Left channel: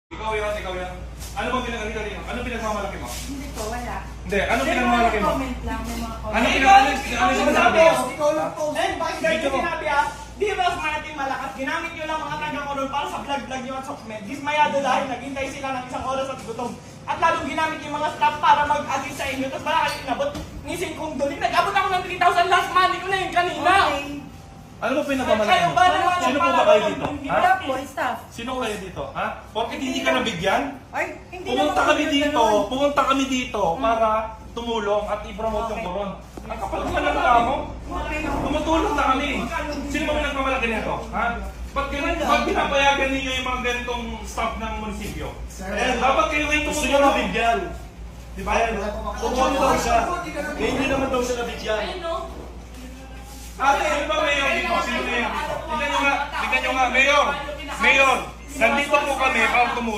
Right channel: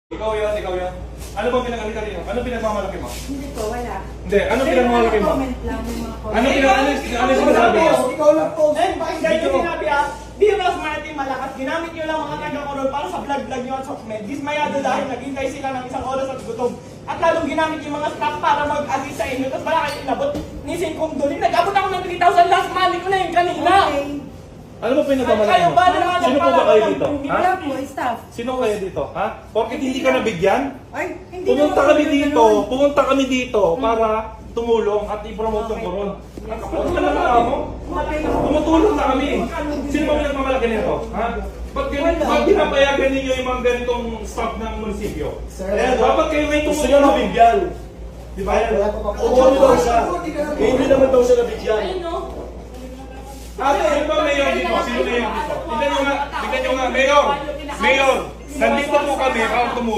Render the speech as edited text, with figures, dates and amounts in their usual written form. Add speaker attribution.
Speaker 1: Ikaw yan. Ano bang pinagalitan niyo? Ano pinagmamalaki mo?
Speaker 2: Hindi po, wala.
Speaker 1: Hindi, ano pinagmamalaki mo?
Speaker 2: Comment lang, may mga comment.
Speaker 1: Ano sinasabi mo?
Speaker 3: Ikaw lang po.
Speaker 4: Eh, bakit ganyan sinabi Di mas marketing malakas. Ginamit nyo lang mga taga-koron para sa vlog-vlog nyo at sokmed. Dismayado dahil naghintay sila ng isang oras at gutom. At lalong ginamit yung mga staff para mag-assist sa inyo. Tapos wala kayo inabot. Nising kong duling. Nag-abot ako ng 3,000 last money ko na yun kanina.
Speaker 2: Okay.
Speaker 1: Ano ba pinagmamalaki
Speaker 4: Kayo
Speaker 1: mo?
Speaker 4: ba naman
Speaker 1: Sino po ba kayo dito? Ha?
Speaker 2: Wala po, staff.
Speaker 1: Sino kayo dito? Ha? Porkit hindi ka nabigyan?
Speaker 2: Ay, hindi
Speaker 1: Pumunta
Speaker 2: naman
Speaker 1: kami
Speaker 2: po
Speaker 1: dito,
Speaker 2: ganun.
Speaker 1: pumunta kami dito para tumulong at i-promote yung koron. Ang kapal naman ng tao mo. Tumutulong na kami. Sino ba pinagmamalaki nito? Ha? Ba't pinapayagan ninyo yung mga ganitong staff ng munisipyo? Dapat kayo ngayon
Speaker 3: Gusto niya
Speaker 1: tumutulong.
Speaker 3: mabigyan.
Speaker 1: Di ba?
Speaker 3: Umuwan daw siya. Eh, hindi naman daw siya nabigyan.
Speaker 1: Ate, ano ba mayor dito? Sino mayor dito? Tignan nyo nga, Mayor! Mayor! Nandito po kami para tumulong.